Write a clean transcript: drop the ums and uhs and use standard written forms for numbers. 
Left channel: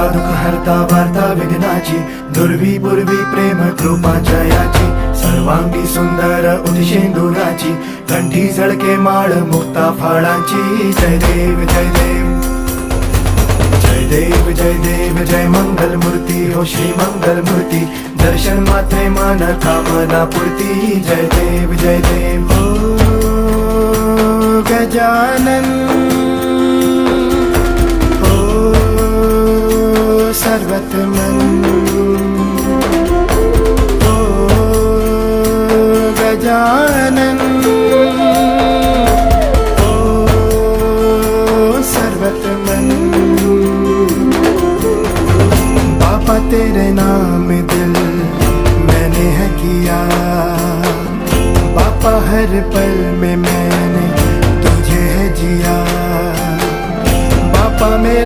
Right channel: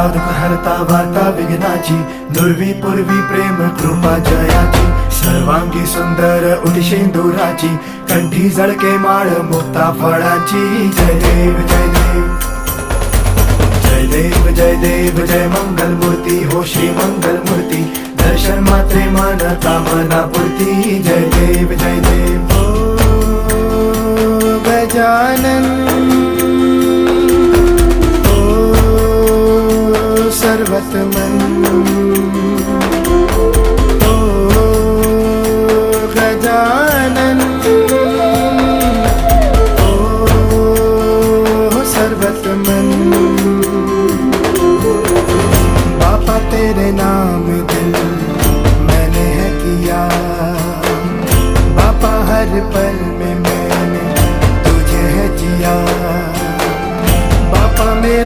हरता दुःख हरता वार्ता विघ्नाची, दुर्वी पूर्वी प्रेम कृपा जयाची, सर्वांगी सुंदर उदिशेंदुराची, कंठी झळके माळ मुक्ता फळाची. जय देव जय देव जय देव जय देव जय मंगल मूर्ती हो श्री मंगल मूर्ती, दर्शन मात्रे मन कामना पूर्ती. जय देव जय देव हो गजानन हो सर्वतमन.